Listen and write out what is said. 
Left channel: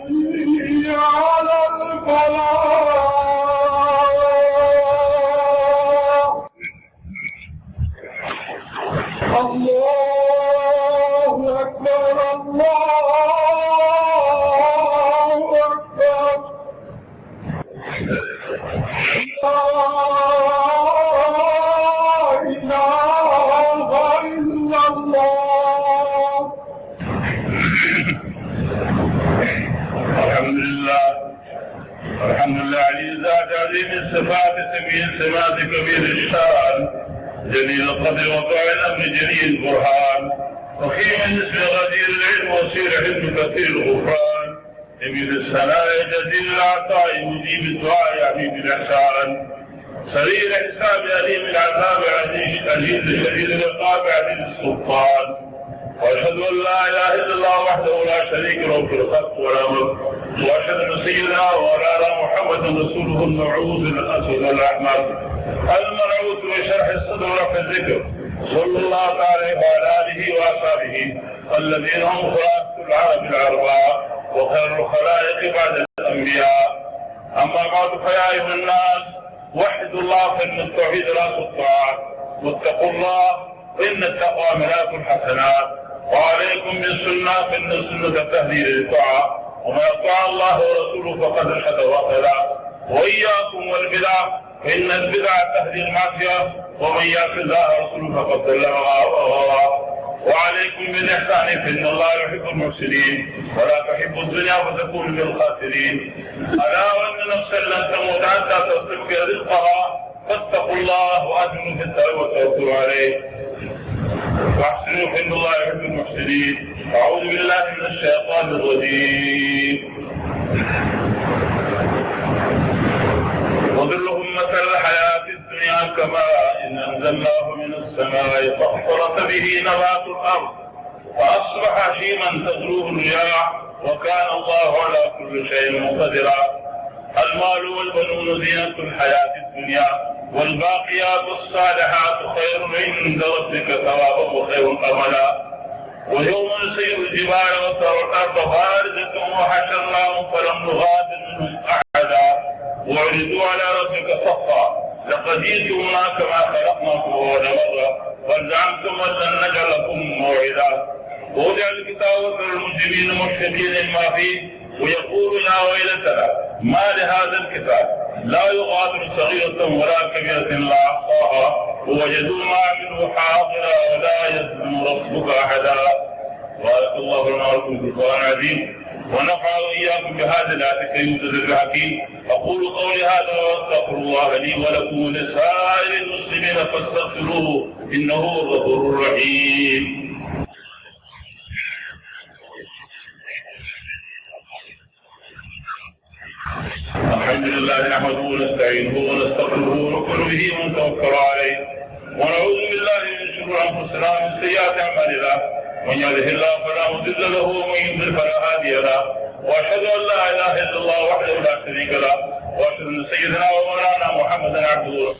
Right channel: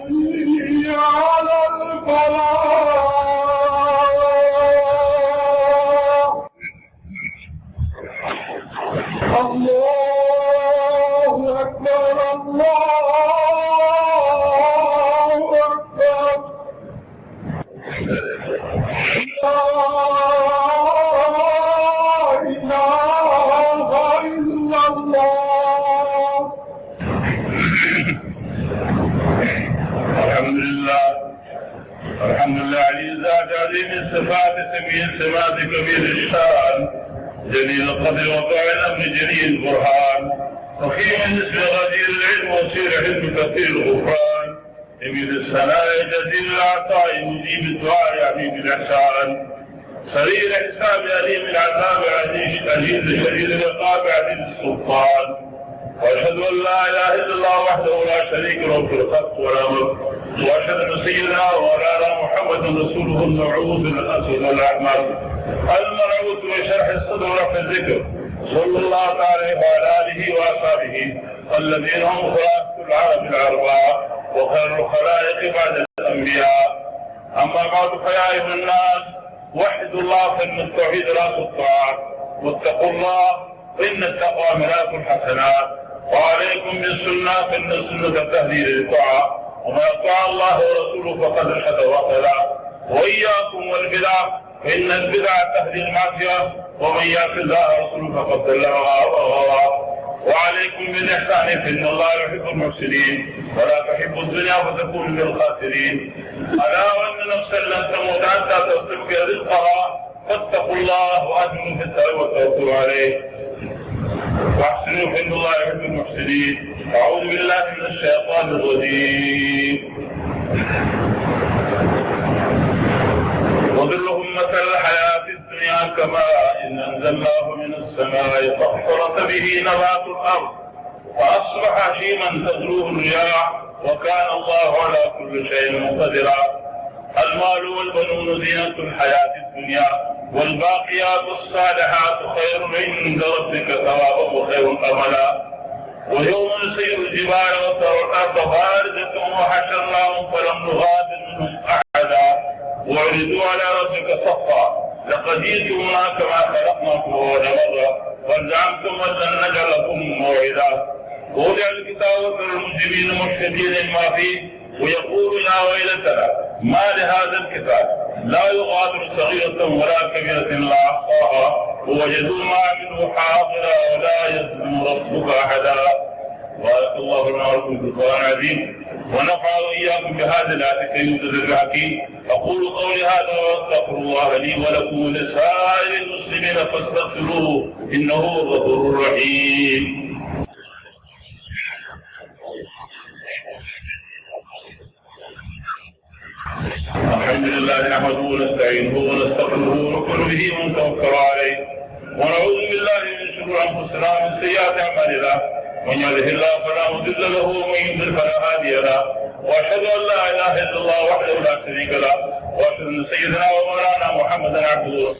على الفلاح. الله أكبر الله أكبر. لا إله إلا الله. الحمد لله ذات عظيم الصفات سبيل صفات كبير الشان جليل القدر وقائل الامر جليل البرهان وحين اسم غدير العلم وسيل حلم كثير الغفران جميل الثناء جزيل العطاء مجيب الدعاء عميد الاحسان سريع الحساب عليم العذاب عزيز شديد العقاب عزيز السلطان واشهد ان لا اله الا الله وحده لا شريك له في الخلق والامر واشهد ان سيدنا ومولانا محمد رسوله المبعوث بالاسود والاحمر المبعوث بشرح الصدر وفي الذكر صلى الله عليه وعلى اله واصحابه الذين هم خلاصه العرب الاربعه وخير الخلائق بعد الانبياء. اما بعد فيا ايها الناس وحدوا الله فان التوحيد راس الطاعه واتقوا الله ان التقوى ملاك الحسنات وعليكم بالسنه فان السنه تهدي للطاعه ومن اطاع الله ورسوله فقد رشد واهتدى واياكم والبدع فان البدع تهدي المعصيه ومن يعص الله ورسوله فقد ضل وغوى. وعليكم بالاحسان فان الله يحب المحسنين ولا تحب الدنيا فتكون من الخاسرين. الا وان نفسا لن تموت حتى تستبقي رزقها فاتقوا الله واجملوا في التوبه وتوكلوا عليه واحسنوا فان الله يحب المحسنين. اعوذ بالله من الشيطان الرجيم. وظلهم مثل الحياه الدنيا كماء ان انزلناه من السماء فاختلط به نبات الارض فاصبح هشيما تذروه الرياح وكان الله على كل شيء مقتدرا. المال والبنون زينة الحياة الدنيا والباقيات الصالحات خير عند ربك ثوابا وخير املا. ويوم نسير الجبال والارض بارزة وحشرناهم فلم نغادر منهم احدا وعرضوا على ربك صفا لقد جئتمونا كما خلقناكم اول مره وزعمتم ان لن نجعلكم موعدا. ووضع الكتاب للمجرمين مشركين ما فيه ويقول يا ويلتنا ما لهذا الكتاب لا يغادر صغيرة ولا كبيرة الا احصاها ووجدوا ما عملوا حاضرا ولا يظلم ربك احدا. بارك الله لنا ولكم في القران العظيم ونفع واياكم بهذه الايه الكريمه الحكيم. اقول قولي هذا واستغفر الله لي ولكم ولسائر المسلمين فاستغفروه انه هو الغفور الرحيم. الحمد لله نحمده ونستعينه ونستغفره ونؤمن به ونتوكل عليه ونعوذ بالله من شرور انفسنا ومن سيئات اعمالنا من يهده الله فلا مضل له ومن يضلل فلا هادي له واشهد ان لا اله الا الله وحده لا شريك له واشهد ان سيدنا ومولانا محمدا عبده ورسوله